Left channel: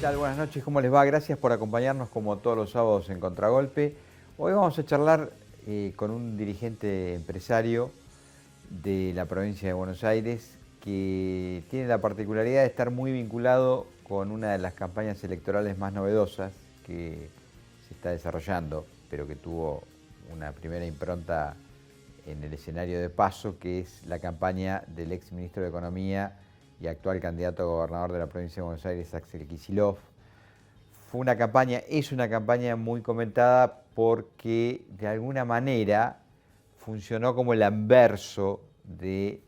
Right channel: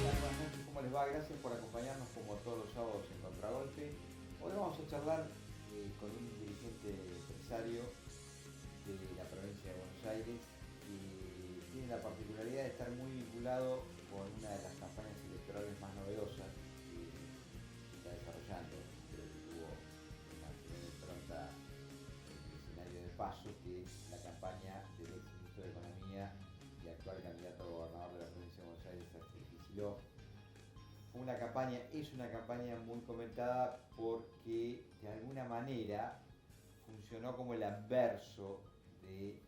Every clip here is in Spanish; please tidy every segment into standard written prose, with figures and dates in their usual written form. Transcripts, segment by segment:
tal? Buenas noches, ¿cómo les va? Gracias por acompañarnos como todos los sábados en Contragolpe. Hoy vamos a charlar con un dirigente empresario de la provincia de Buenos Aires que tiene la particularidad de estar muy vinculado con una de las campañas electorales más novedosas que se está desarrollando, pero que tuvo una primera impronta en el escenario de paso, que es la campaña del ex ministro de Economía y actual candidato a gobernador de la provincia de Buenos Aires, Axel Kicillof. Es una campaña muy comentada porque de alguna manera funcionó como el anverso de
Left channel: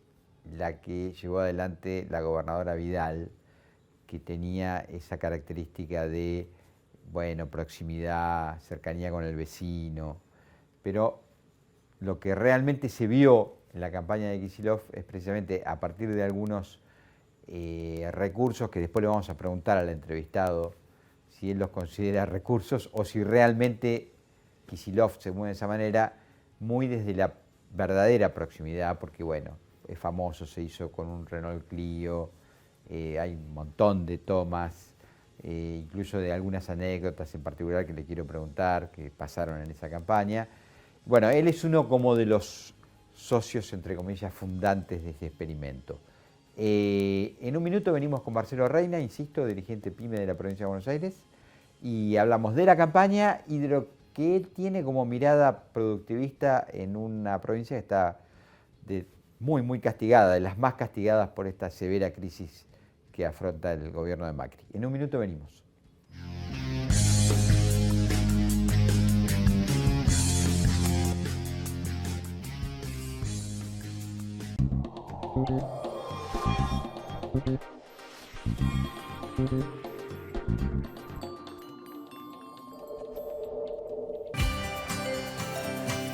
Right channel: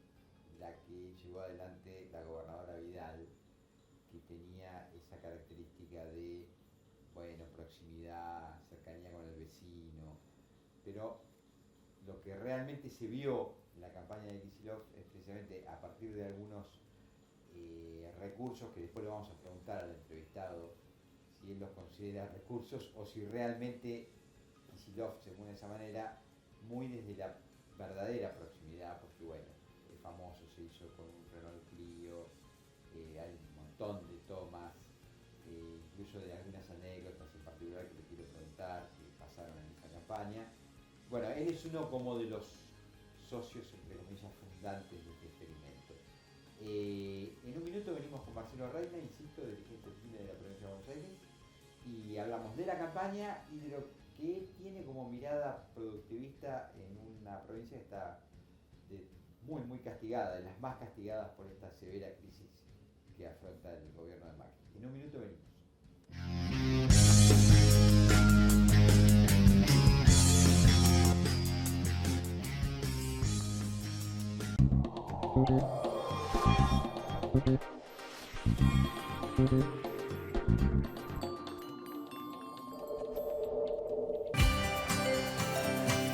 la que llevó adelante la gobernadora Vidal, que tenía esa característica de, bueno, proximidad, cercanía con el vecino, pero lo que realmente se vio en la campaña de Kicillof es precisamente a partir de algunos recursos que después le vamos a preguntar al entrevistado si él los considera recursos o si realmente Kicillof se mueve de esa manera, muy desde la verdadera proximidad, porque bueno, es famoso, se hizo con un Renault Clio, hay un montón de tomas, incluso de algunas anécdotas en particular que le quiero preguntar, que pasaron en esa campaña. Bueno, él es uno como de los socios, entre comillas, fundantes de este experimento. En un minuto venimos con Marcelo Reina, insisto, dirigente PYME de la provincia de Buenos Aires, y hablamos de la campaña y de lo que él tiene como mirada productivista en una provincia que está muy castigada, de las más castigadas por esta severa crisis que afronta el gobierno de Macri. En un minuto venimos.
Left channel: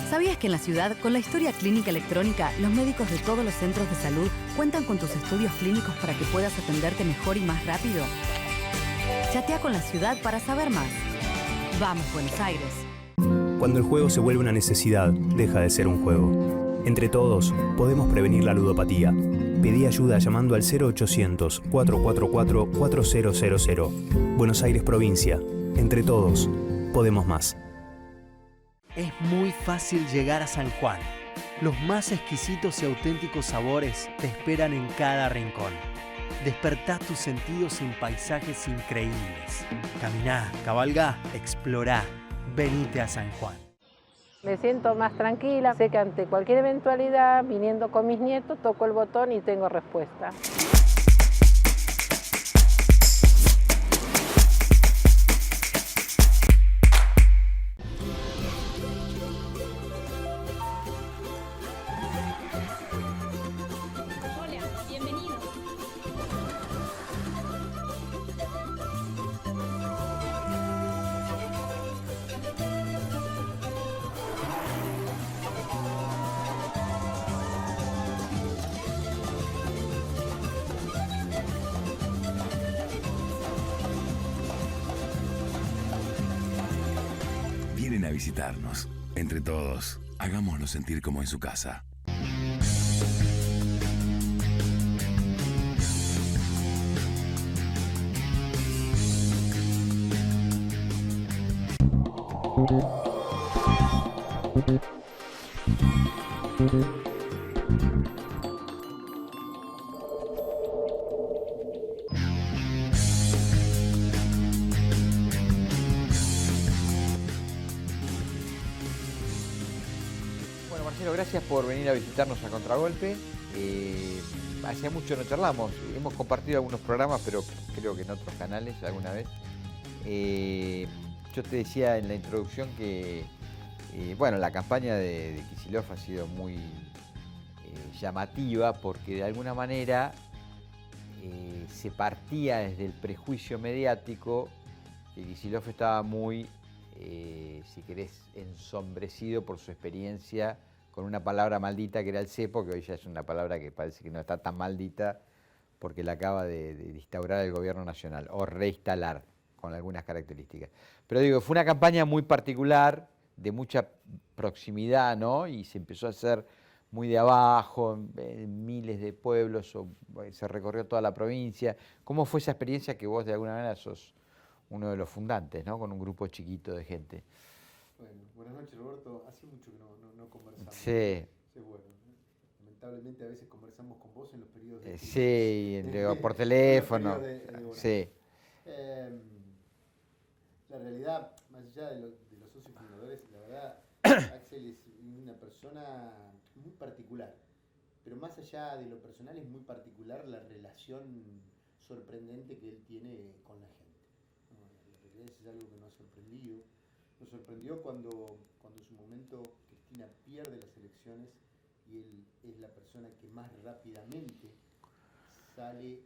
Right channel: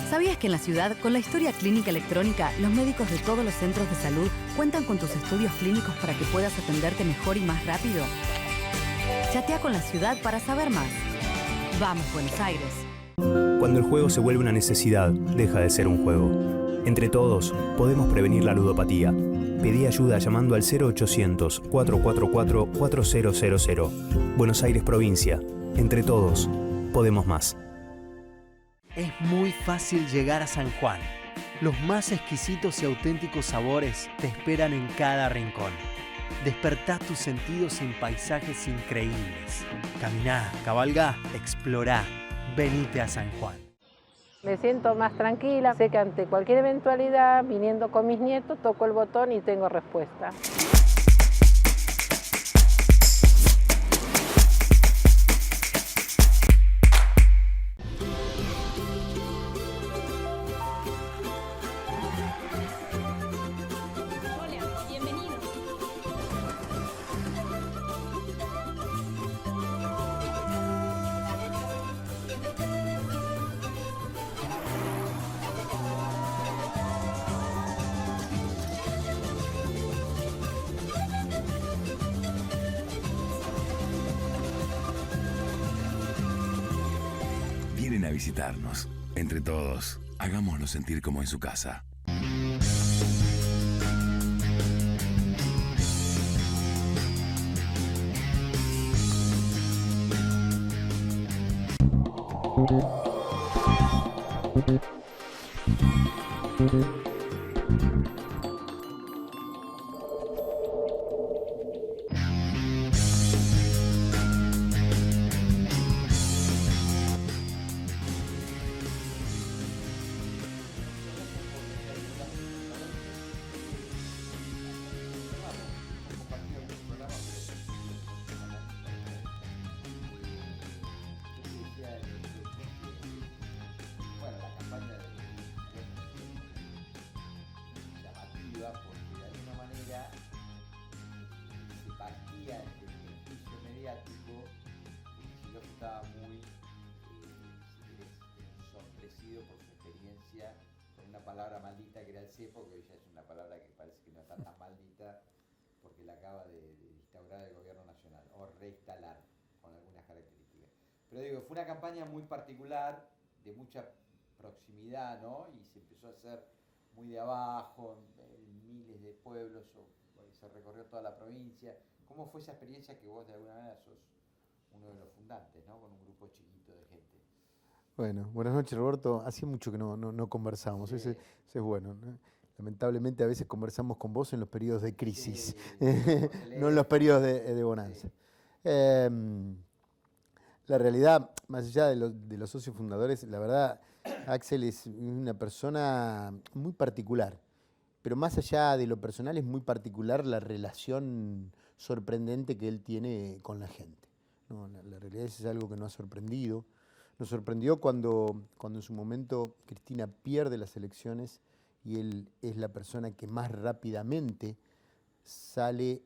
¿Sabías que en la ciudad, con la historia clínica electrónica, los médicos de todos los centros de salud cuentan con tus estudios clínicos para que puedas atenderte mejor y más rápido? Chatea con la ciudad para saber más. Vamos, Buenos Aires. Cuando el juego se vuelve una necesidad, deja de ser un juego. Entre todos, podemos prevenir la ludopatía. Pedí ayuda llamando al 0800-444-4000. Buenos Aires Provincia. Entre todos, podemos más. Es muy fácil llegar a San Juan. Los más exquisitos y auténticos sabores te esperan en cada rincón. Despertá tus sentidos en paisajes increíbles. Caminá, cabalgá, explorá. Venite a San Juan. Me siento más tranquila, sé que ante cualquier eventualidad, viniendo con mis nietos, toco el botón y tengo respuesta. Vienen a visitarnos. Entre todos, hagámoslo sentir como en su casa. Bueno, Marcelo, gracias por venir a visitarnos a Contragolpe. Hacía mucho no charlamos, hemos compartido algunos programas, pero creo que en otros canales alguna vez. Yo te decía en la introducción que bueno, la campaña de Kicillof ha sido muy llamativa porque de alguna manera se partía desde el prejuicio mediático que Kicillof estaba muy, si querés, ensombrecido por su experiencia con una palabra maldita que era el cepo, que hoy ya es una palabra que parece que no está tan maldita porque la acaba de instaurar el gobierno nacional o reinstalar con algunas características. Pero digo, fue una campaña muy particular, de mucha proximidad, ¿no? Y se empezó a hacer muy de abajo, en miles de pueblos, se recorrió toda la provincia. ¿Cómo fue esa experiencia que vos de alguna manera sos uno de los fundantes, ¿no? Con un grupo chiquito de gente. Bueno, buenas noches, Roberto. Hacía mucho que no conversamos. Sí. Eso es bueno, ¿no? Lamentablemente a veces conversamos con vos en los periodos de crisis. Sí, por teléfono. No en los periodos de bonanza. Sí. La realidad, más allá de los socios fundadores, la verdad, Axel es una persona muy particular. Pero más allá de lo personal, es muy particular la relación sorprendente que él tiene con la gente, ¿no? La realidad es algo que nos ha sorprendido. Nos sorprendió cuando en su momento Cristina pierde las elecciones y él es la persona que más rápidamente sale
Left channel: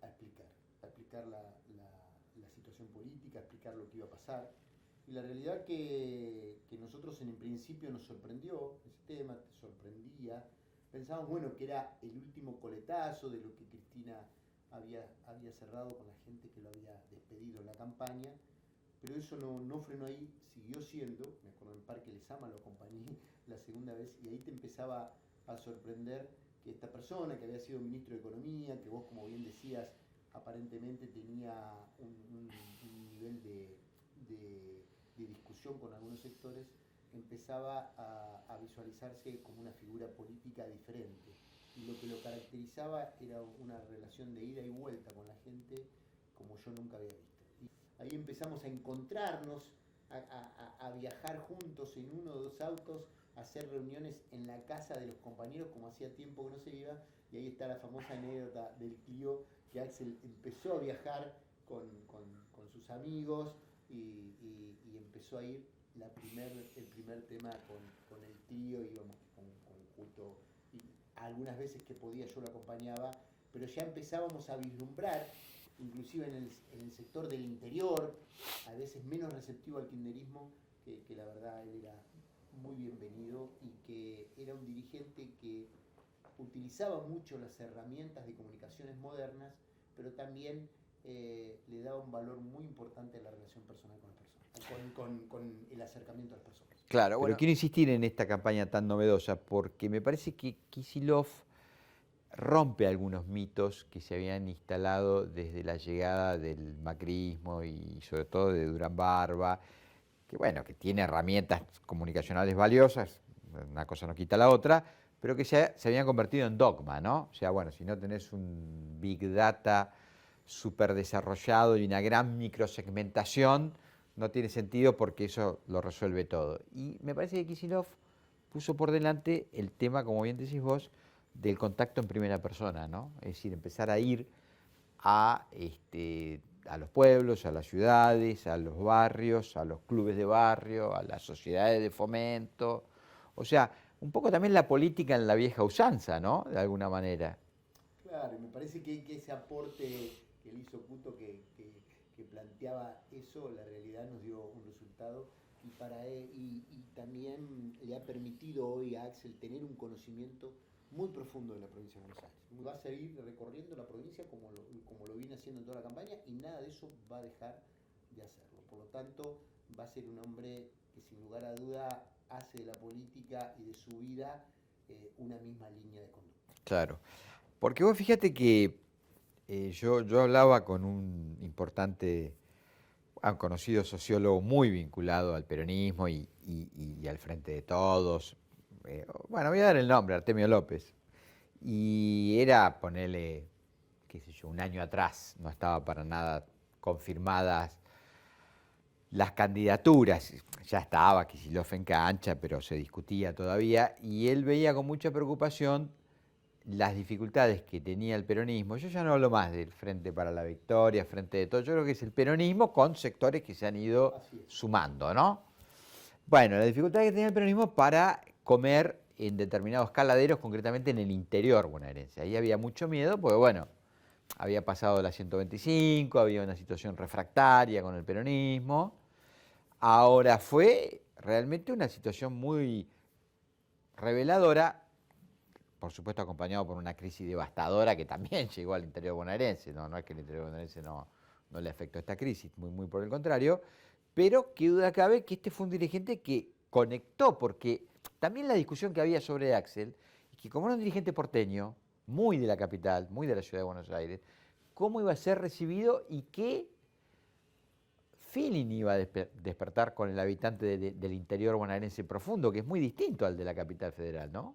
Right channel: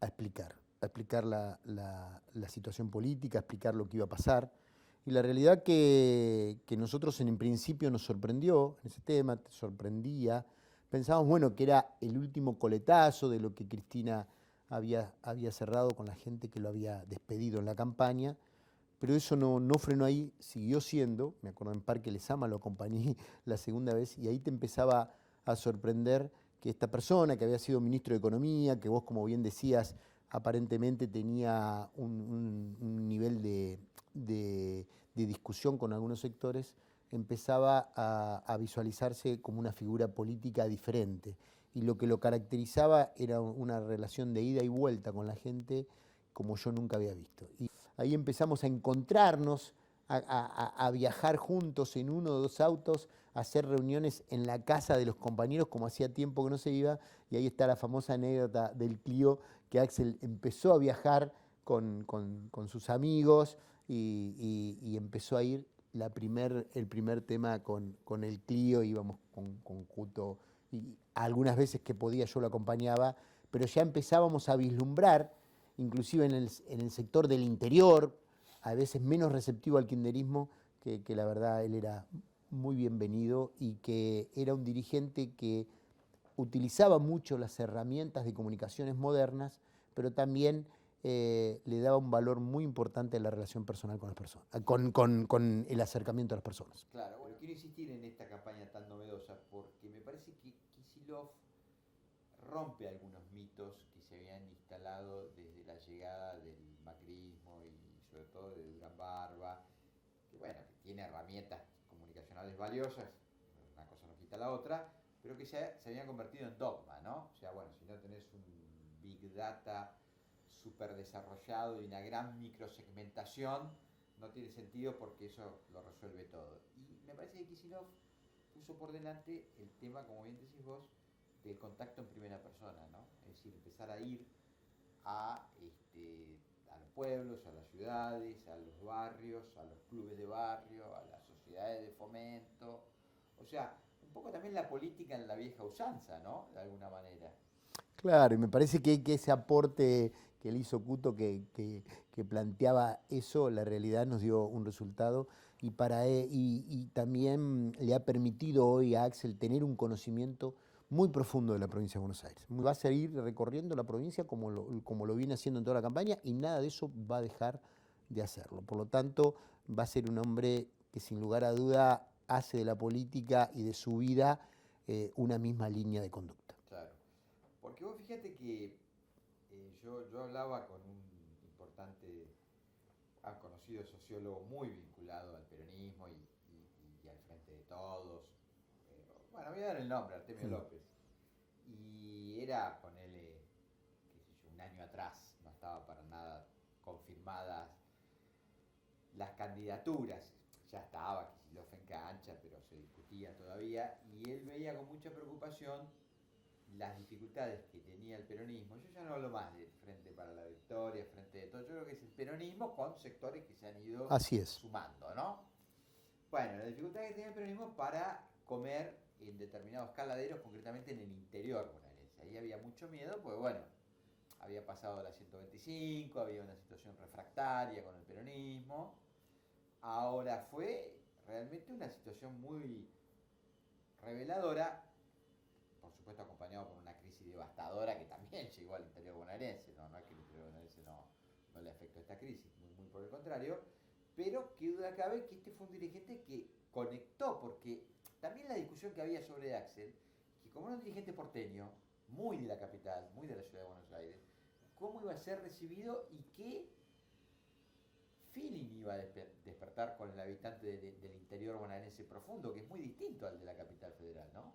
a explicar la situación política, a explicar lo que iba a pasar. Y la realidad que nosotros en principio nos sorprendió en ese tema, sorprendía. Pensábamos, bueno, que era el último coletazo de lo que Cristina había cerrado con la gente que lo había despedido en la campaña, pero eso no frenó ahí, siguió siendo. Me acuerdo en Parque Lezama lo acompañé la segunda vez y ahí te empezaba a sorprender que esta persona que había sido ministro de Economía, que vos, como bien decías, aparentemente tenía un nivel de discusión con algunos sectores, empezaba a visualizarse como una figura política diferente. Y lo que lo caracterizaba era una relación de ida y vuelta con la gente como yo nunca había visto. Y ahí empezamos a encontrarnos, a viajar juntos en uno o dos autos, a hacer reuniones en la casa de los compañeros, como hacía tiempo que no se iba, y ahí está la famosa anécdota del Clio, que Axel empezó a viajar con sus amigos y empezó a ir el primer tema con el Clio, íbamos con Cuto, y algunas veces que podía yo lo acompañaba, pero ya empezábamos a vislumbrar, inclusive en el sector del interior, a veces menos receptivo al kirchnerismo, que la verdad él era muy bienvenido y que era un dirigente que utilizaba mucho las herramientas de comunicaciones modernas, pero también le daba un valor muy importante a la relación personal con las personas, con el acercamiento a las personas. Claro, bueno, quiero insistir en esta campaña tan novedosa porque me parece que Kicillof rompe algunos mitos que se habían instalado desde la llegada del macrismo y sobre todo de Durán Barba, que bueno, que tiene herramientas comunicacionales valiosas, una cosa no quita la otra, pero que se habían convertido en dogma, ¿no? O sea, bueno, si no tenés un Big Data súper desarrollado y una gran microsegmentación, no tiene sentido porque eso lo resuelve todo. Y me parece que Kicillof puso por delante el tema, como bien decís vos, del contacto en primera persona, ¿no? Es decir, empezar a ir a los pueblos, a las ciudades, a los barrios, a los clubes de barrio, a las sociedades de fomento. O sea, un poco también la política en la vieja usanza, ¿no? De alguna manera. Claro, y me parece que ese aporte que él hizo Cuto, que planteaba eso, la realidad nos dio un resultado y también le ha permitido hoy a Axel tener un conocimiento muy profundo de la provincia de Buenos Aires. Va a seguir recorriendo la provincia como lo viene haciendo en toda la campaña y nada de eso va a dejar de hacerlo. Por lo tanto, va a ser un hombre que sin lugar a duda hace de la política y de su vida una misma línea de conducta. Claro, porque vos fíjate que yo hablaba con un importante, un conocido sociólogo muy vinculado al peronismo y al Frente de Todos. Bueno, voy a dar el nombre, Artemio López. Y era, ponele, qué sé yo, un año atrás, no estaba para nada confirmadas las candidaturas. Ya estaba Kicillof en cancha, pero se discutía todavía. Y él veía con mucha preocupación las dificultades que tenía el peronismo. Yo ya no hablo más del Frente para la Victoria, Frente de Todos. Yo creo que es el peronismo con sectores que se han ido sumando, ¿no? Bueno, la dificultad que tenía el peronismo para comer en determinados caladeros, concretamente en el interior bonaerense. Ahí había mucho miedo, porque bueno, había pasado la 125, había una situación refractaria con el peronismo. Ahora fue realmente una situación muy reveladora, por supuesto acompañado por una crisis devastadora que también llegó al interior bonaerense. No es que el interior bonaerense no le afectó esta crisis, muy por el contrario, pero qué duda cabe que este fue un dirigente que conectó, porque también la discusión que había sobre Axel, es que como era un dirigente porteño, muy de la capital, muy de la ciudad de Buenos Aires, cómo iba a ser recibido y qué feeling iba a despertar con el habitante del interior bonaerense profundo, que es muy distinto al de la capital federal, ¿no?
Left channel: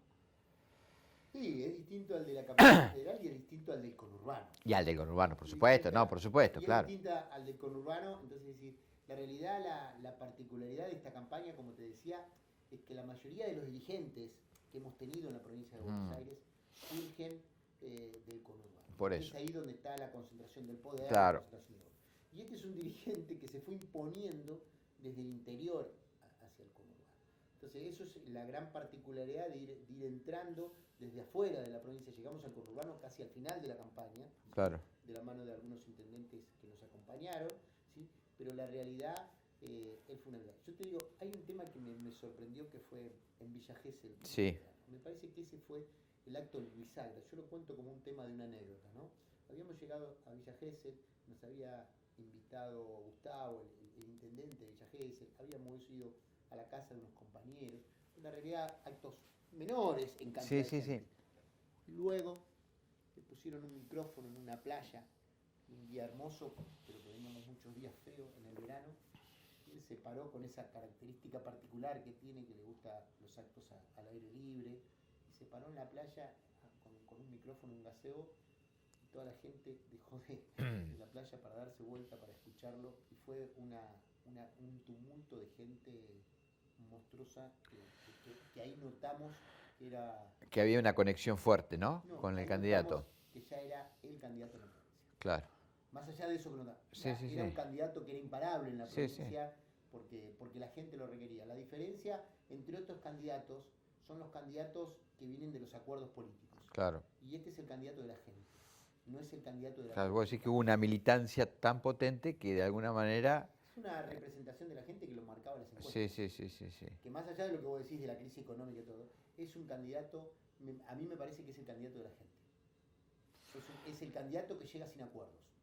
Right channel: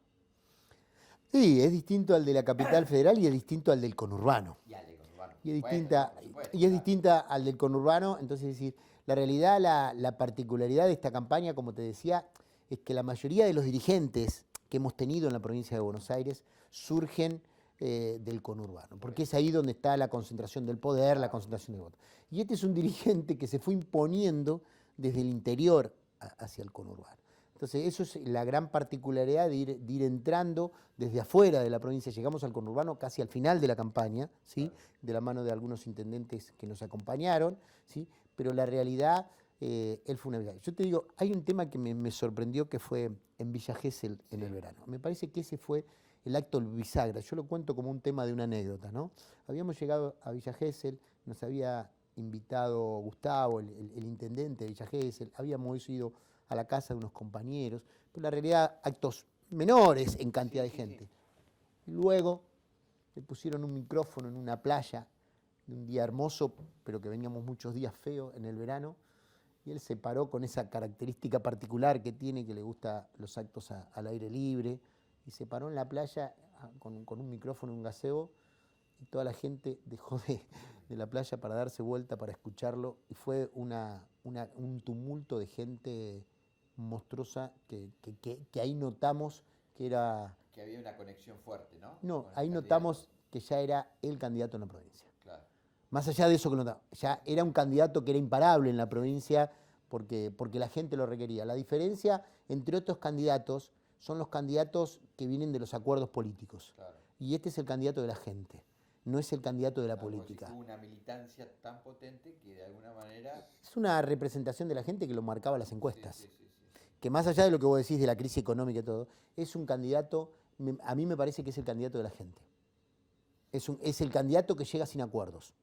Sí, es distinto al de la capital federal y es distinto al del conurbano. Y al del conurbano, por Y es supuesto, distinta- no, por supuesto. Y es claro. distinta al del conurbano, entonces es decir, la realidad, la particularidad de esta campaña, como te decía, es que la mayoría de los dirigentes que hemos tenido en la provincia de Buenos Aires surgen del conurbano, Por porque eso. es ahí donde está la concentración del poder, la Claro. concentración del voto. Y este es un dirigente que se fue imponiendo desde el interior hacia el conurbano. Entonces, eso es la gran particularidad de ir entrando desde afuera de la provincia. Llegamos al conurbano casi al final de la campaña, ¿sí? Claro. De la mano de algunos intendentes que nos acompañaron, ¿sí? Pero la realidad, él fue una verdad. Yo te digo, hay un tema que me sorprendió que fue en Villa Gesell en Sí. el verano. Me parece que ese fue el acto bisagra. Yo lo cuento como un tema de una anécdota, ¿no? Habíamos llegado a Villa Gesell, nos había invitado Gustavo, el intendente de Villa Gesell, habíamos ido a la casa de unos compañeros, pero la realidad, actos menores en cantidad Sí, de sí, gente. sí. Y luego le pusieron un micrófono en una playa, de un día hermoso, pero que veníamos muchos días feos en el verano, y él se paró con esa característica particular que tiene, que le gusta los actos al aire libre, y se paró en la playa con un micrófono, un gazebo, y toda la gente dejó de la playa para darse vuelta, para escucharlo, y fue un tumulto de gente monstruosa que ahí notamos que era... Que había una conexión fuerte, ¿no? No, Con el ahí candidato. notamos que ya era el candidato en la provincia. Claro. Más allá de eso que notamos, ya Sí, sí, era sí. un candidato que era imparable en la Sí, provincia porque la gente lo requería. La diferencia entre otros candidatos son los candidatos que vienen de los acuerdos políticos. Claro. Y este es el candidato de la gente, no es el candidato de la Claro, vos decís política. que hubo una militancia tan potente que de alguna manera... Es una representación de la gente que lo marcaba las encuestas. Sí, sí, sí, sí, sí. Que más allá de lo que vos decís de la crisis económica y todo, es un candidato, a mí me parece que es el candidato de la gente. Es el candidato que llega sin acuerdos.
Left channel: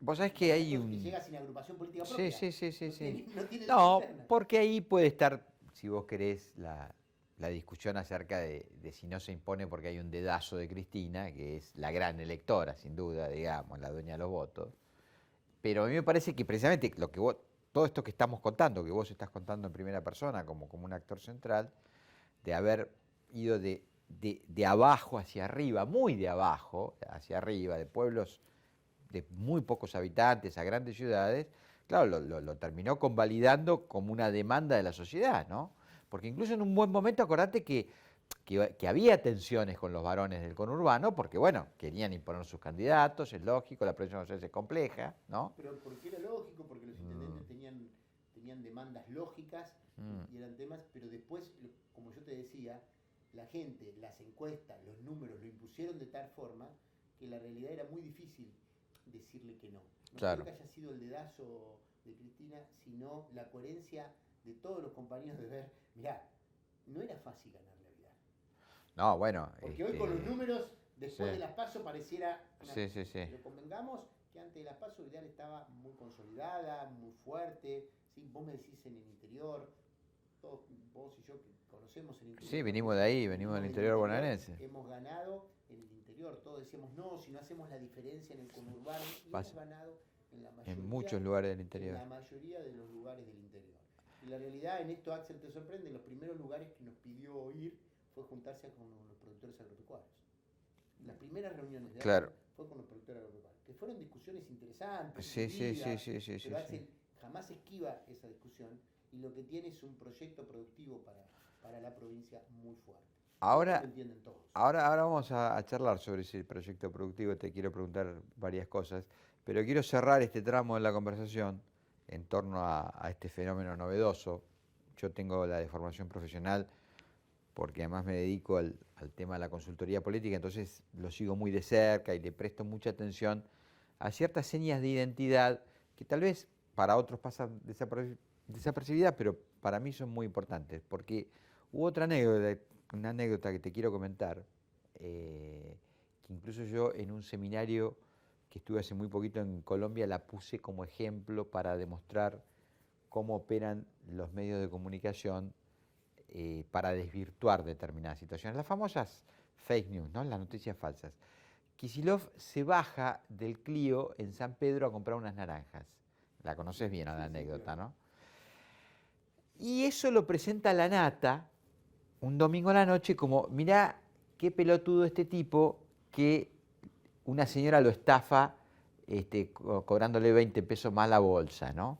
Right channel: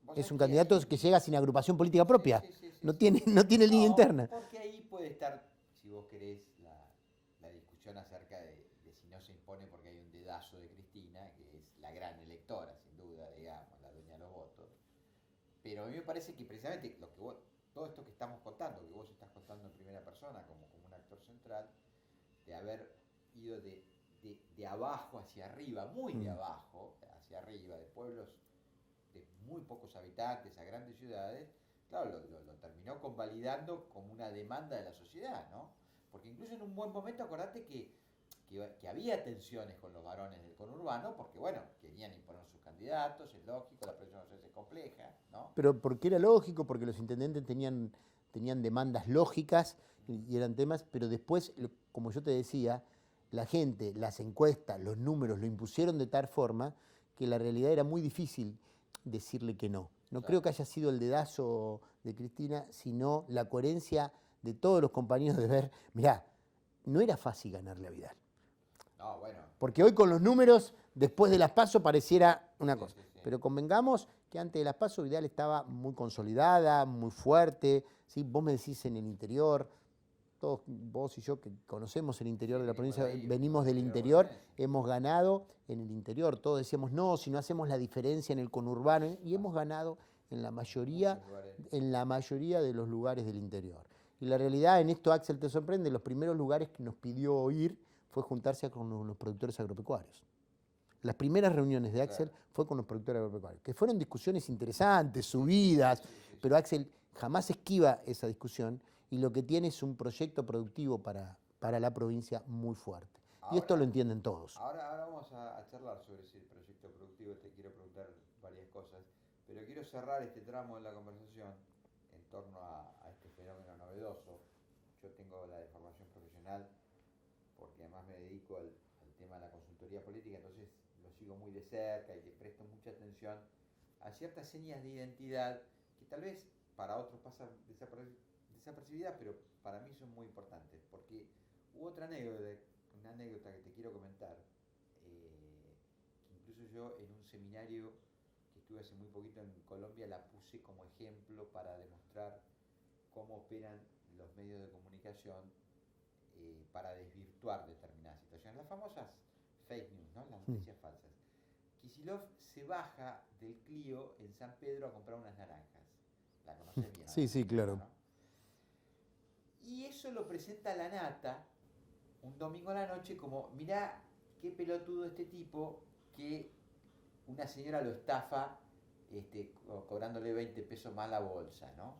Vos Es sabés un que hay candidato que llega sin agrupación política propia. Sí, sí, sí, sí, no, sí. no tiene línea interna. Porque ahí puede estar, si vos querés, la discusión acerca de si no se impone porque hay un dedazo de Cristina, que es la gran electora, sin duda, digamos, la dueña de los votos. Pero a mí me parece que precisamente lo que todo esto que estamos contando, que vos estás contando en primera persona como un actor central, de haber ido de abajo hacia arriba, muy de abajo hacia arriba, de pueblos de muy pocos habitantes a grandes ciudades, claro, lo terminó convalidando como una demanda de la sociedad, ¿no? Porque incluso en un buen momento, acordate que había tensiones con los varones del conurbano, porque bueno, querían imponer sus candidatos, es lógico, la provincia de Buenos Aires es compleja, ¿no? Pero porque era lógico, porque los intendentes tenían demandas lógicas y eran temas, pero después, como yo te decía, la gente, las encuestas, los números lo impusieron de tal forma que la realidad era muy difícil decirle que no. No Claro. creo que haya sido el dedazo de Cristina, sino la coherencia de todos los compañeros de ver, mirá, no era fácil ganarle a Vidal. No, bueno. Porque hoy con los números, después Sí. de las PASO, pareciera una Sí, cosa. sí, sí. Pero convengamos que antes de las PASO Vidal estaba muy consolidada, muy fuerte. ¿Sí? Vos me decís en el interior, todos vos y yo que conocemos el interior Sí, de la venimos provincia, de ahí, venimos venimos del del interior interior, bonaerense. hemos ganado en el interior. Todos decíamos, no, si no hacemos la diferencia en el conurbano, y Pasa. hemos ganado en la En mayoría, muchos lugares del interior. en la mayoría de los lugares del interior. Y la realidad, en esto Axel te sorprende, los primeros lugares que nos pidió ir fue juntarse con los productores agropecuarios. Las primeras reuniones de Axel Claro. fue con los productores agropecuarios, que fueron discusiones interesantes, Sí, sí, subidas, sí, sí, sí, pero sí, Axel jamás esquiva esa discusión y lo que tiene es un proyecto productivo para la provincia muy fuerte. Y Ahora- esto lo entienden todos. Ahora vamos a charlar sobre ese proyecto productivo, te quiero preguntar varias cosas, pero quiero cerrar este tramo de la conversación en torno a este fenómeno novedoso. Yo tengo la deformación profesional porque además me dedico al tema de la consultoría política, entonces lo sigo muy de cerca y le presto mucha atención a ciertas señas de identidad que tal vez para otros pasan desapercibidas, pero para mí son muy importantes, porque hubo otra anécdota, una anécdota que te quiero comentar, que incluso yo en un seminario que estuve hace muy poquito en Colombia la puse como ejemplo para demostrar cómo operan los medios de comunicación para desvirtuar determinadas situaciones. Las famosas fake news, ¿no? Las noticias falsas. Kicillof se baja del Clio en San Pedro a comprar unas naranjas. La conoces bien, Sí, la sí, anécdota, claro. ¿no? Y eso lo presenta la Nata un domingo a la noche como, mirá qué pelotudo este tipo que una señora lo estafa cobrándole 20 pesos más la bolsa, ¿no?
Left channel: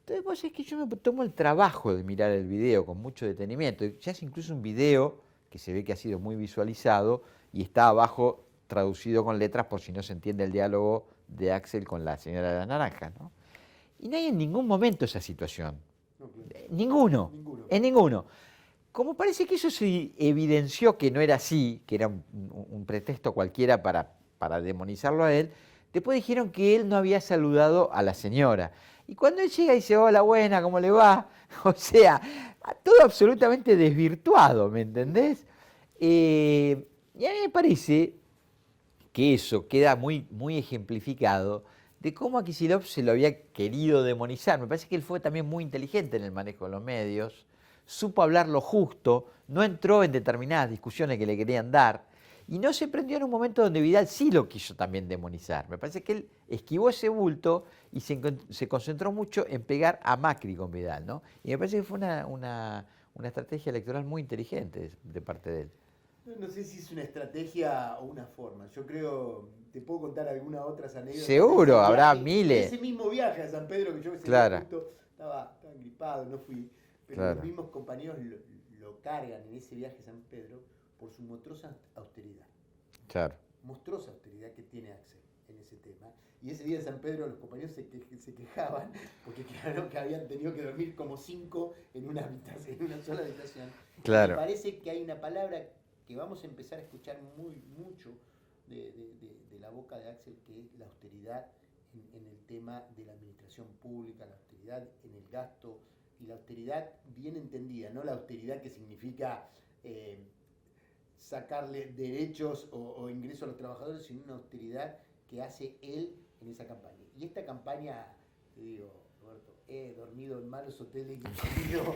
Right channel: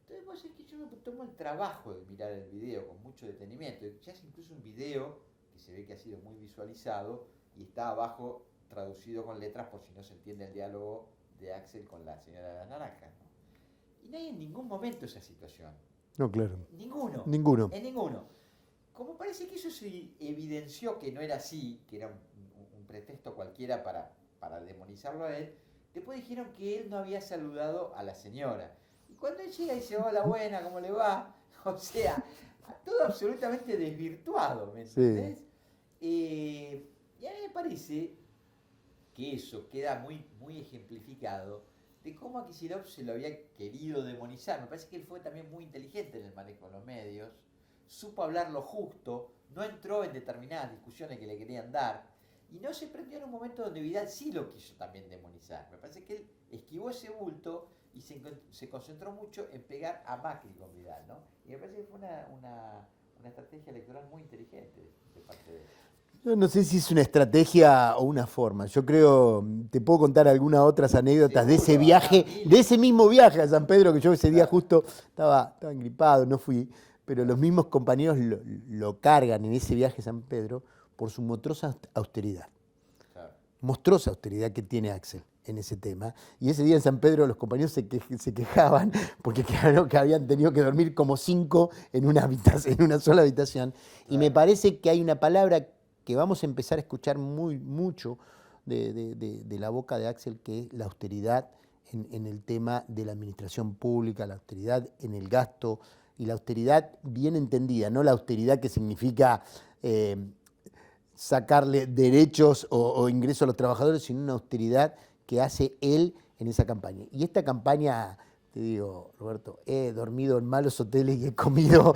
Entonces vos es que yo me tomo el trabajo de mirar el video con mucho detenimiento. Ya es incluso un video que se ve que ha sido muy visualizado y está abajo traducido con letras por si no se entiende el diálogo de Axel con la señora de la naranja, ¿no? Y no hay en ningún momento esa situación. No, claro. Ninguno. Ninguno. En ninguno. Como parece que eso se evidenció que no era así, que era un pretexto cualquiera para demonizarlo a él, después dijeron que él no había saludado a la señora. Y cuando él llega y dice, hola, buena, ¿cómo le va? O sea, todo absolutamente desvirtuado, ¿me entendés? Y a mí me parece que eso queda muy, muy ejemplificado de cómo a Kicillof se lo había querido demonizar. Me parece que él fue también muy inteligente en el manejo de los medios, supo hablar lo justo, no entró en determinadas discusiones que le querían dar y no se prendió en un momento donde Vidal sí lo quiso también demonizar. Me parece que él esquivó ese bulto y se concentró mucho en pegar a Macri con Vidal, ¿no? Y me parece que fue una estrategia electoral muy inteligente de parte de él. Yo no sé si es una estrategia o una forma. Yo creo, te puedo contar algunas otras anécdotas de ese Seguro, habrá viaje, miles. de ese mismo viaje a San Pedro, que yo ese día Claro. justo estaba engripado, no fui, pero Claro. los mismos compañeros lo cargan en ese viaje a San Pedro por su monstruosa austeridad. Claro. Monstruosa austeridad que tiene Axel en ese tema. Y ese día en San Pedro los compañeros se quejaban porque claro que habían tenido que dormir como 5 en una una sola habitación. Claro. Y me parece que hay una palabra que vamos a empezar a escuchar mucho de la boca de Axel, que es la austeridad en el tema de la administración pública, la austeridad en el gasto, y la austeridad bien entendida, no la austeridad que significa sacarle derechos o ingresos a los trabajadores, sino una austeridad que hace él en esa campaña. Y esta campaña, te digo, Roberto, he dormido en malos hoteles y he comido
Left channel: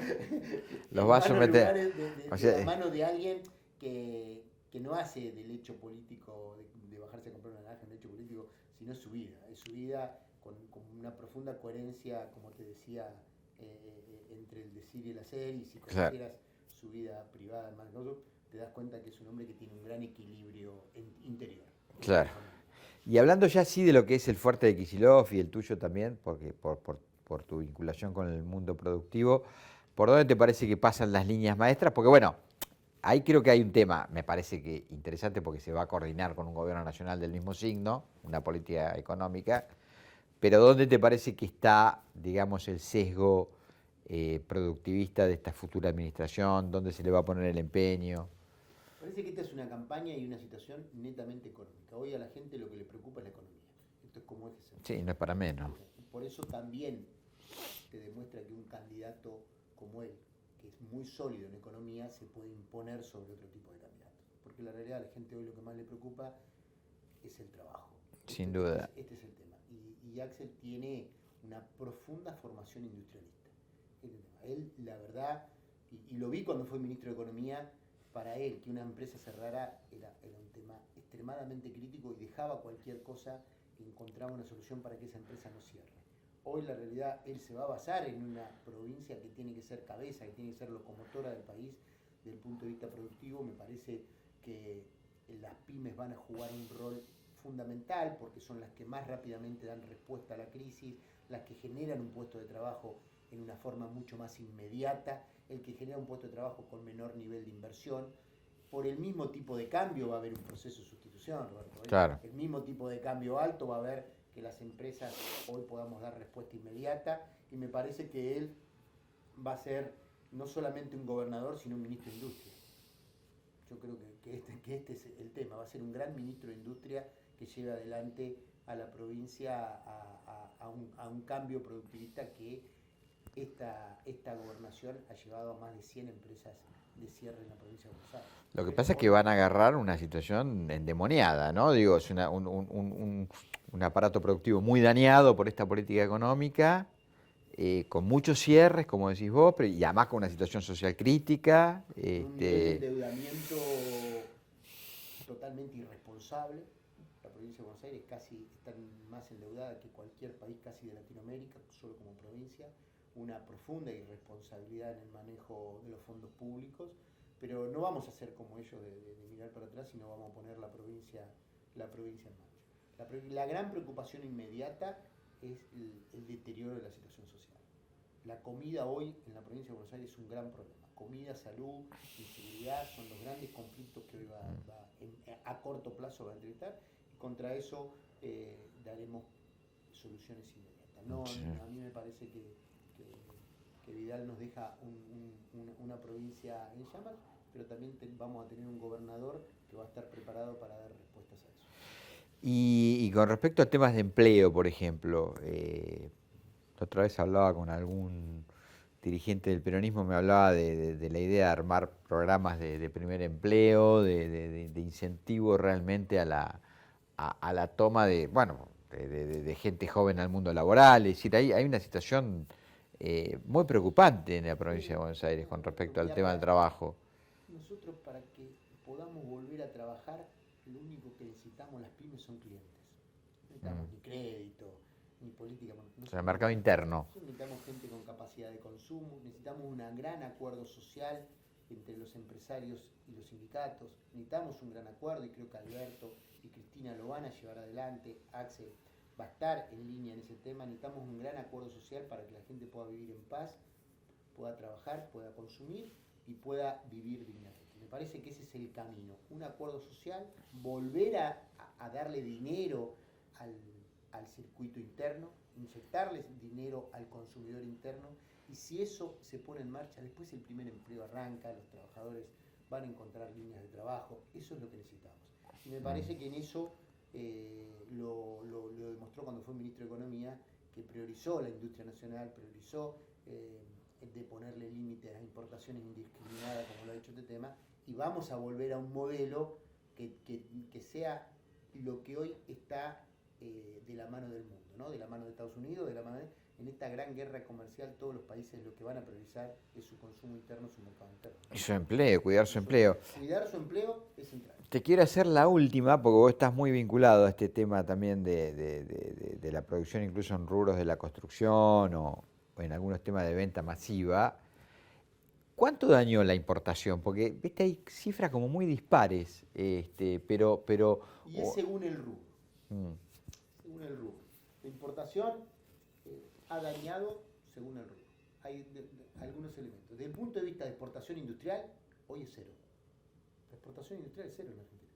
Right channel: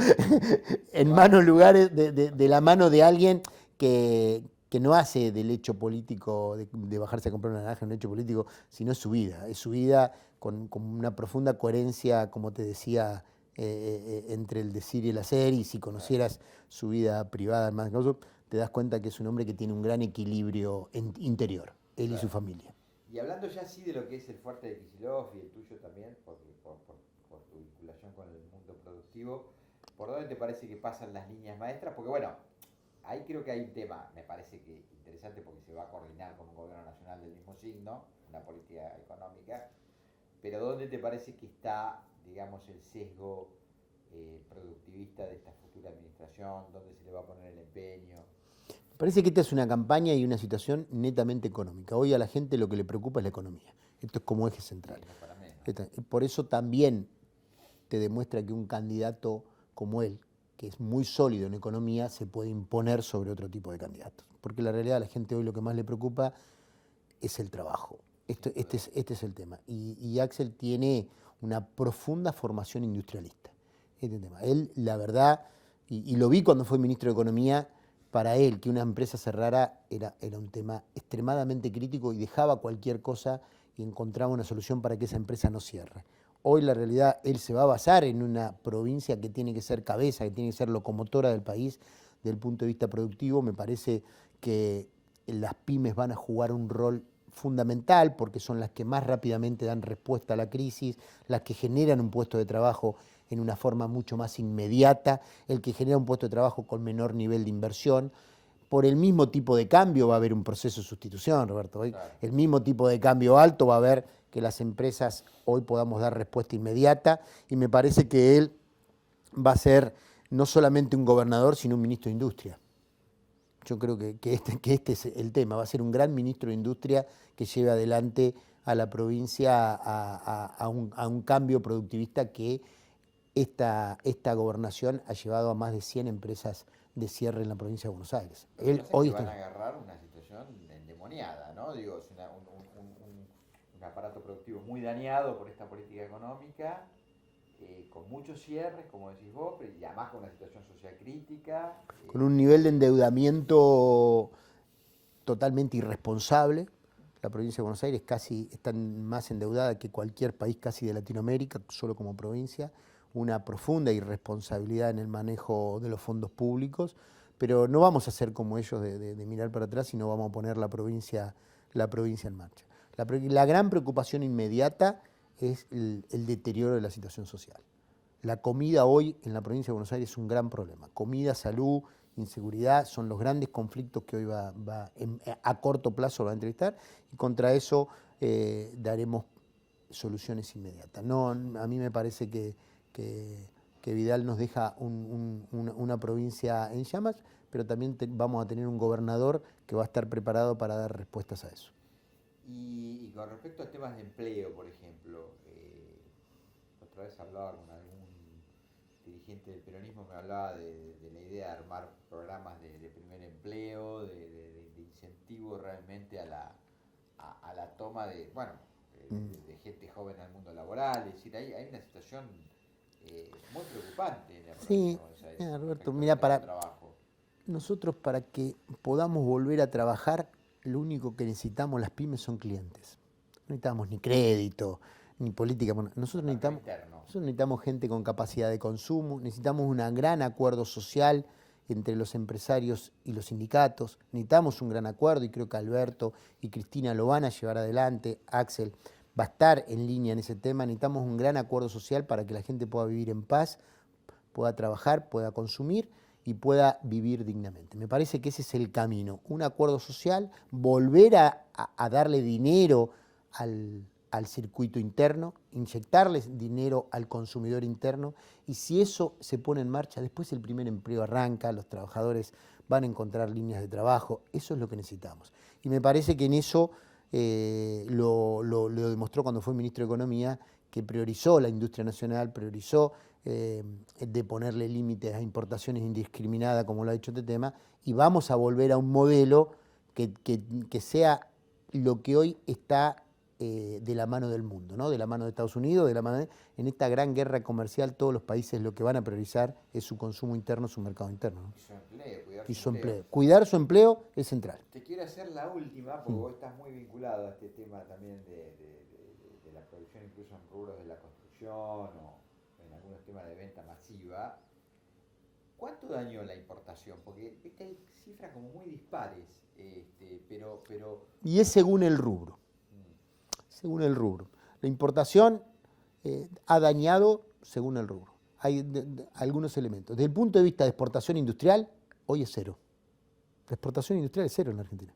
en vas a malos meter. lugares O de sea, la mano de alguien que no hace del hecho político, de bajarse a comprar una naranja un hecho político, sino es su vida con una profunda coherencia, como te decía, entre el decir y el hacer, y si conocieras su vida privada más que eso, te das cuenta que es un hombre que tiene un gran equilibrio interior, él y su familia. Y hablando ya sí de lo que es el fuerte de Kicillof y el tuyo también, porque por tu vinculación con el mundo productivo, ¿por dónde te parece que pasan las líneas maestras? Porque bueno, ahí creo que hay un tema, me parece que interesante porque se va a coordinar con un gobierno nacional del mismo signo, una política económica, pero ¿dónde te parece que está, digamos, el sesgo productivista de esta futura administración? ¿Dónde se le va a poner el empeño? Parece que esta es una campaña y una situación netamente económica. Hoy a la gente lo que le preocupa es la economía. Esto es como eje central. Sí, no es para menos. Y por eso también te demuestra que un candidato como él, que es muy sólido en economía, se puede imponer sobre otro tipo de candidatos. Porque la realidad a la gente hoy lo que más le preocupa es el trabajo. Sin duda. Este es el tema. Y Axel tiene una profunda formación industrialista. Este tema. Él, la verdad, y lo vi cuando fue ministro de Economía, para él que una empresa cerrara era un tema extremadamente crítico y dejaba cualquier cosa y encontraba una solución para que esa empresa no cierre. Hoy la realidad, él se va a basar en una provincia que tiene que ser cabeza, que tiene que ser locomotora del país desde el punto de vista productivo. Me parece que las pymes van a jugar un rol fundamental porque son las que más rápidamente dan respuesta a la crisis, las que generan un puesto de trabajo en una forma mucho más inmediata, el que genera un puesto de trabajo con menor nivel de inversión. Por el mismo tipo de cambio va a haber un proceso de sustitución, Roberto. Claro. El mismo tipo de cambio alto va a haber que las empresas hoy podamos dar respuesta inmediata, y me parece que él va a ser no solamente un gobernador, sino un ministro de Industria. Yo creo que este es el tema, va a ser un gran ministro de Industria que lleve adelante a la provincia a un cambio productivista que esta gobernación ha llevado a más de 100 empresas de cierre en la provincia de Buenos Aires. Lo que pasa es que van a agarrar una situación endemoniada, ¿no? Digo, es un aparato productivo muy dañado por esta política económica, con muchos cierres, como decís vos, y además con una situación social crítica. Con un nivel de endeudamiento totalmente irresponsable. La provincia de Buenos Aires casi está más endeudada que cualquier país casi de Latinoamérica, solo como provincia. Una profunda irresponsabilidad en el manejo de los fondos públicos, pero no vamos a hacer como ellos de mirar para atrás, sino vamos a poner la provincia en marcha. La gran preocupación inmediata es el deterioro de la situación social. La comida hoy en la provincia de Buenos Aires es un gran problema. Comida, salud, inseguridad son los grandes conflictos que hoy a corto plazo va a entrevistar, y contra eso daremos soluciones inmediatas. No, sí. A mí me parece que Vidal nos deja una provincia en llamas, pero también vamos a tener un gobernador que va a estar preparado para dar respuestas a eso. Y con respecto a temas de empleo, por ejemplo, otra vez hablaba con algún dirigente del peronismo, me hablaba de la idea de armar programas de primer empleo, de incentivo realmente a la toma de gente joven al mundo laboral. Es decir, hay una situación muy preocupante en la provincia de Buenos Aires con respecto al tema del trabajo. Nosotros, para que podamos volver a trabajar, lo único que necesitamos las pymes son clientes. No necesitamos ni crédito, ni política. El mercado interno. Nosotros necesitamos gente con capacidad de consumo, necesitamos un gran acuerdo social entre los empresarios y los sindicatos, necesitamos un gran acuerdo, y creo que Alberto y Cristina lo van a llevar adelante, Axel va a estar en línea en ese tema. Necesitamos un gran acuerdo social para que la gente pueda vivir en paz, pueda trabajar, pueda consumir y pueda vivir dignamente. Me parece que ese es el camino, un acuerdo social, volver a darle dinero al circuito interno, inyectarles dinero al consumidor interno, y si eso se pone en marcha, después el primer empleo arranca, los trabajadores van a encontrar líneas de trabajo, eso es lo que necesitamos. Y me parece que en eso lo demostró cuando fue ministro de Economía, que priorizó la industria nacional, priorizó de ponerle límites a importaciones indiscriminadas, como lo ha dicho este tema, y vamos a volver a un modelo que sea lo que hoy está de la mano del mundo, ¿no? De la mano de Estados Unidos, en esta gran guerra comercial, todos los países lo que van a priorizar es su consumo interno, su mercado interno, ¿no? Y su empleo, cuidar su empleo. Cuidar su empleo es central. Te quiero hacer la última, porque vos estás muy vinculado a este tema también de la producción, incluso en rubros de la construcción o en algunos temas de venta masiva. ¿Cuánto dañó la importación? Porque, viste, hay cifras como muy dispares, pero... Y es según el rubro. Según el rubro. La importación ha dañado según el rubro. Hay algunos elementos. Desde el punto de vista de exportación industrial, hoy es cero. La exportación industrial es cero en la Argentina.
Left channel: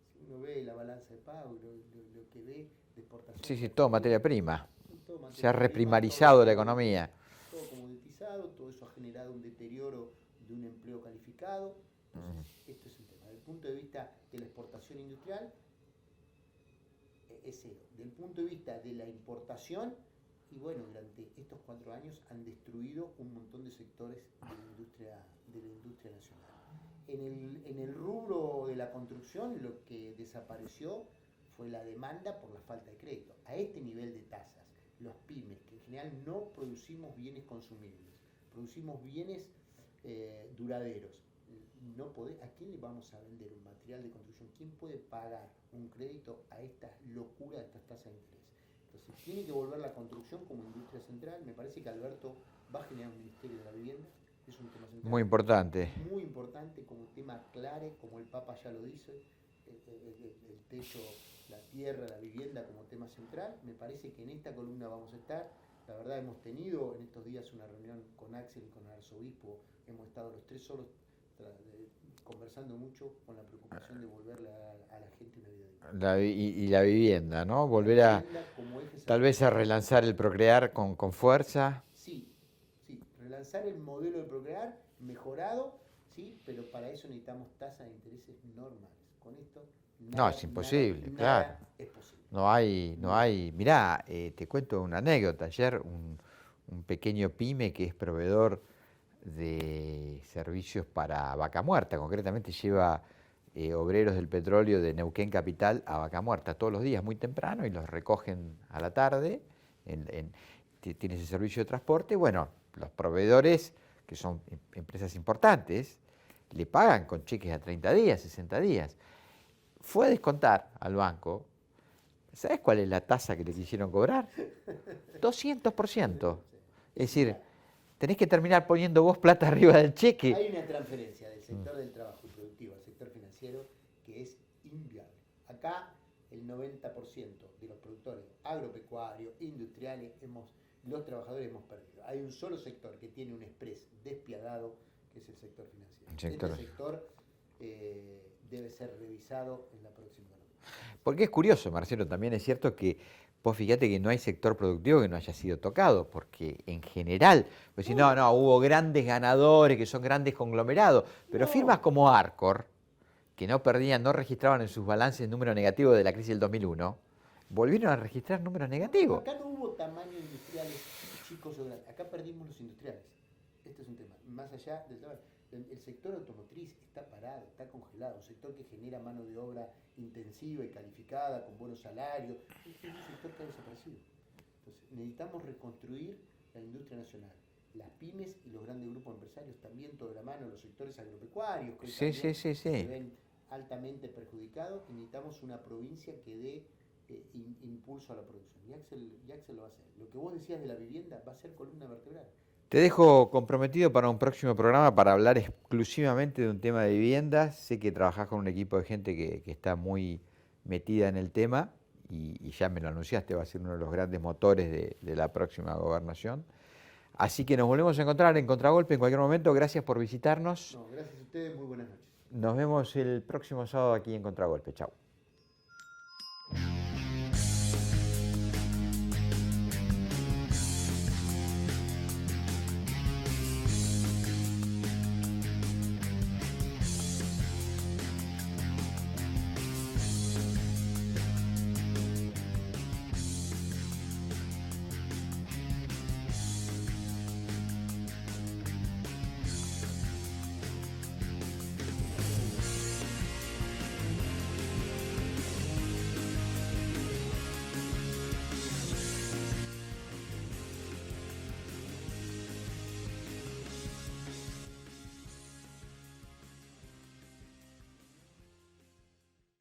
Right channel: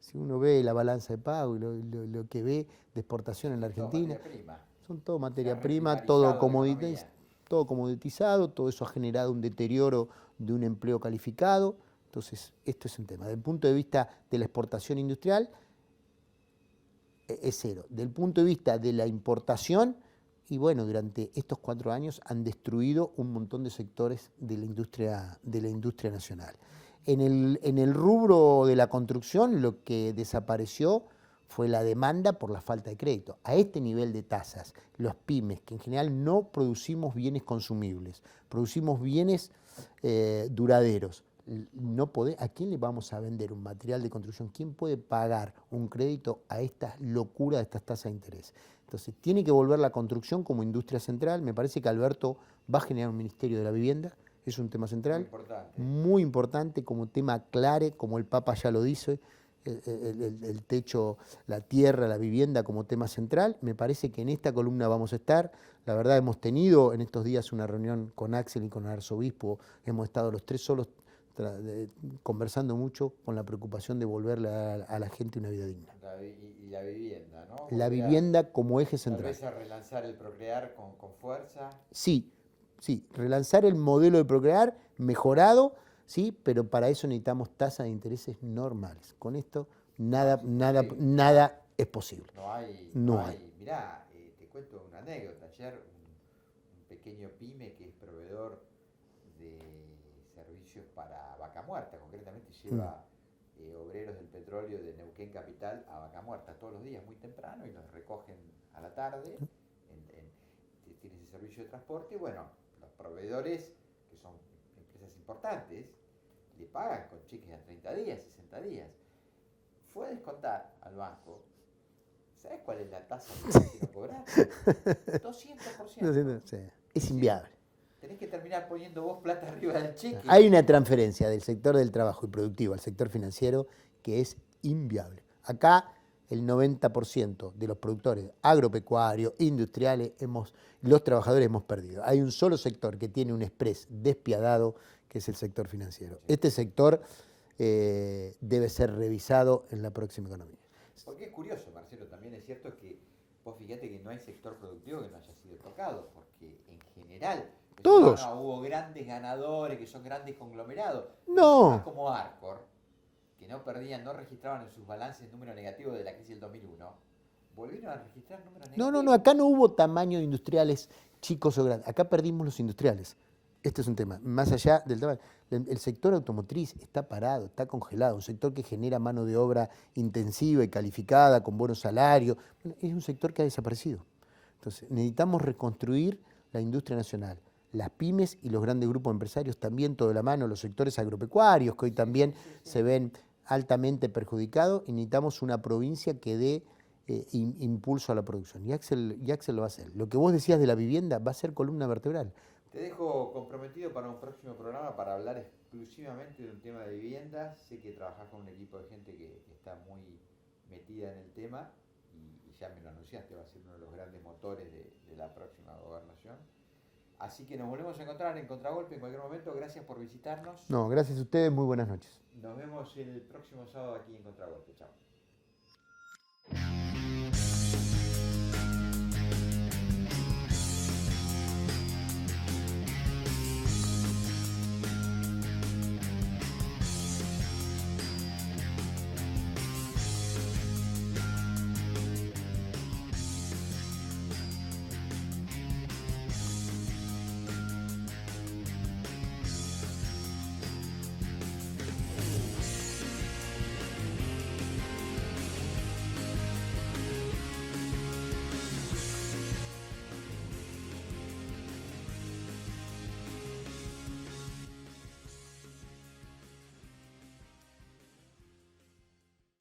Si uno ve la balanza de pago y lo que ve de exportación en la Argentina... todo materia prima. Son todo materia prima. Se ha reprimarizado la economía. Todo comoditizado, todo eso ha generado un deterioro de un empleo calificado. Entonces, esto es un tema. Desde el punto de vista de la exportación industrial, es cero. Del punto de vista de la importación, y bueno, durante estos 4 años han destruido un montón de sectores de la industria nacional. En el rubro de la construcción, lo que desapareció fue la demanda por la falta de crédito. A este nivel de tasas, los pymes, que en general no producimos bienes consumibles, producimos bienes duraderos, ¿a quién le vamos a vender un material de construcción? ¿Quién puede pagar un crédito a esta locura de estas tasas de interés? Entonces, tiene que volver la construcción como industria central. Me parece que Alberto va a generar un Ministerio de la Vivienda, es un tema central. Muy importante. Muy importante, como tema clave, como el Papa ya lo dice, el techo, la tierra, la vivienda como tema central. Me parece que en esta columna vamos a estar. La verdad, hemos tenido en estos días una reunión con Axel y con el arzobispo, hemos estado los 3 solos conversando mucho con la preocupación de volverle a la gente una vida digna. Y la vivienda, ¿no? Volver la vivienda como eje central. Tal vez a relanzar el Procrear con fuerza. Sí, relanzar el modelo de Procrear mejorado, sí, pero para eso necesitamos tasas de intereses normales. Con esto nada es posible. No hay. Mirá, te cuento una anécdota. Ayer un pequeño pyme que es proveedor de servicios para Vaca Muerta, concretamente lleva obreros del petróleo de Neuquén Capital a Vaca Muerta todos los días muy temprano y los recogen a la tarde, tiene ese servicio de transporte. Bueno, los proveedores, que son empresas importantes, le pagan con cheques a 30 días, 60 días. fue a descontar al banco. ¿Sabes cuál es la tasa que le hicieron cobrar? 200%. Sí. Es Es decir, inviable. tenés que terminar poniendo vos plata arriba del cheque. Hay una transferencia del sector del trabajo y productivo al sector financiero que es inviable. Acá el 90% de los productores agropecuarios, industriales, los trabajadores hemos perdido. Hay un solo sector que tiene un express despiadado, que es el sector financiero. Este sector debe ser revisado en la próxima economía. Porque es curioso, Marcelo, también es cierto que vos fíjate que no hay sector productivo que no haya sido tocado, porque en general, pues si no, hubo grandes ganadores que son grandes conglomerados, pero firmas como Arcor, que no registraban en sus balances número negativo de la crisis del 2001, volvieron a registrar números negativos. No, acá no hubo tamaño de industriales chicos o grandes, acá perdimos los industriales. Este es un tema, más allá del tamaño. El sector automotriz está parado, está congelado, un sector que genera mano de obra intensiva y calificada, con buenos salarios, es un sector que ha desaparecido. Entonces, necesitamos reconstruir la industria nacional. Las pymes y los grandes grupos empresarios también, todo de la mano, los sectores agropecuarios, que hoy también se ven altamente perjudicados, y necesitamos una provincia que dé impulso a la producción. Y Axel lo va a hacer. Lo que vos decías de la vivienda va a ser columna vertebral. Te dejo comprometido para un próximo programa para hablar exclusivamente de un tema de viviendas. Sé que trabajás con un equipo de gente que está muy metida en el tema y ya me lo anunciaste, va a ser uno de los grandes motores de la próxima gobernación. Así que nos volvemos a encontrar en Contragolpe en cualquier momento. Gracias por visitarnos. No, gracias a ustedes, muy buenas noches. Nos vemos el próximo sábado aquí en Contragolpe. Chao.